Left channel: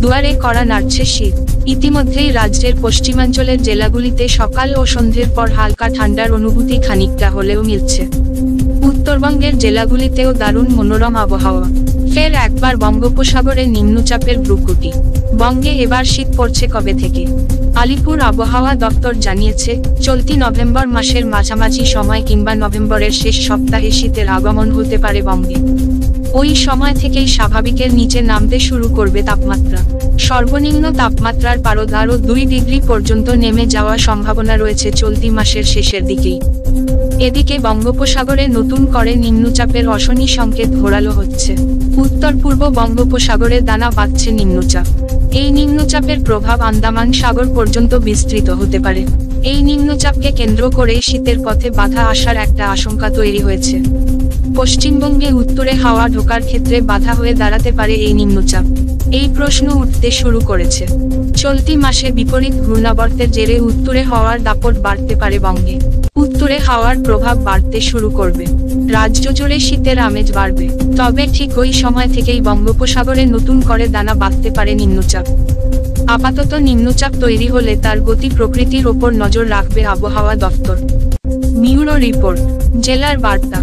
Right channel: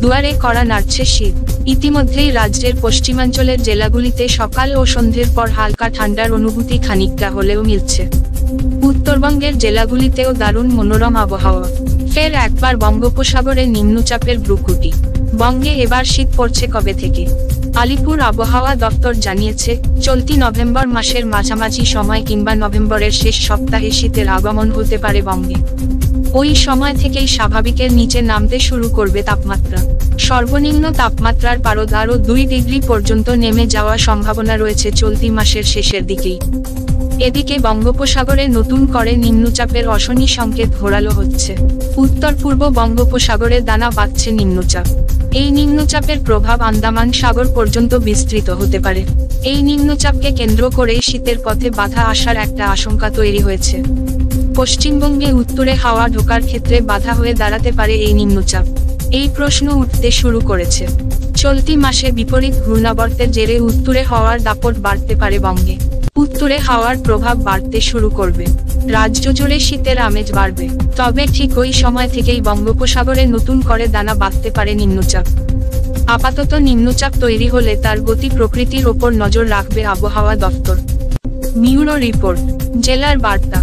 দুয়ারে কড়া নাড়ছে শীত। ইতিমধ্যেই রাজ্যের পশ্চিমাঞ্চলের জেলাগুলিতে সকাল ও সন্ধ্যের পর হালকা ঠান্ডার অনুভূতি খানিকটা হলেও মিলছে। উত্তরবঙ্গের জেলাগুলিতেও দারুণ মনোরম আবহাওয়া। ফের একবার বঙ্গোপসাগরে নিম্নচাপের ভ্রুকুটি। বঙ্গে এবার শীত পড়ছে কবে থেকে? আলিপুর আবহাওয়া দপ্তর জানিয়েছে, চলতি নভেম্বর মাসের মাঝামাঝি সময় কিংবা নভেম্বরের শেষ সপ্তাহে শীতের আগমন হতে পারে বঙ্গে। ওই সময় থেকেই স্বাভাবিকের নিচে নামতে শুরু করবে তাপমাত্রা। সর্বনিম্ন তাপমাত্রার পারদ আরও 2 ডিগ্রি পর্যন্ত নেমে যাওয়ার সম্ভাবনা রয়েছে চলতি মাসের শেষের দিকেই। এদিকে বঙ্গোপসাগরে নতুন করে নিম্নচাপের অশনি সংকেত ঘোরালো হচ্ছে। উত্তর পূর্ব বঙ্গোপসাগরে দানা বাঁধছে নিম্নচাপ। এই নিম্নচাপের প্রভাব আন্দামান সাগর পর্যন্ত বিস্তৃত হতে পারে। এই নিম্নচাপকে কেন্দ্র করেই শীতের পথে বাধা আসার একটা আশঙ্কা তৈরি হয়েছে। পশ্চিমবঙ্গে উত্তরে হাওয়া ঢোকার ক্ষেত্রে বাধা হয়ে দাঁড়াতে পারে এই নিম্নচাপ। এই প্রশ্ন উঠতে শুরু করেছে। চলতি মাসে বিপরীত ঘূর্ণাবর্তের জেরে উত্তরে হাওয়ার দাপট বাড়তে পারে বঙ্গে। উত্তরে হাওয়ার প্রভাব বাড়তে শুরু করবে। রাজ্য জুড়ে শীতের আমেজ বাড়বে। তবে ঠিক ওই সময় থেকেই বঙ্গোপসাগরে নতুন করে দানা বাঁধতে পারে নিম্নচাপ। আপাতত নিম্নচাপ তৈরি হলে তার গতি প্রকৃতির ওপর নজর রাখবে আবহাওয়া দফতর। ব্যুরো রিপোর্ট, জেলার বার্তা।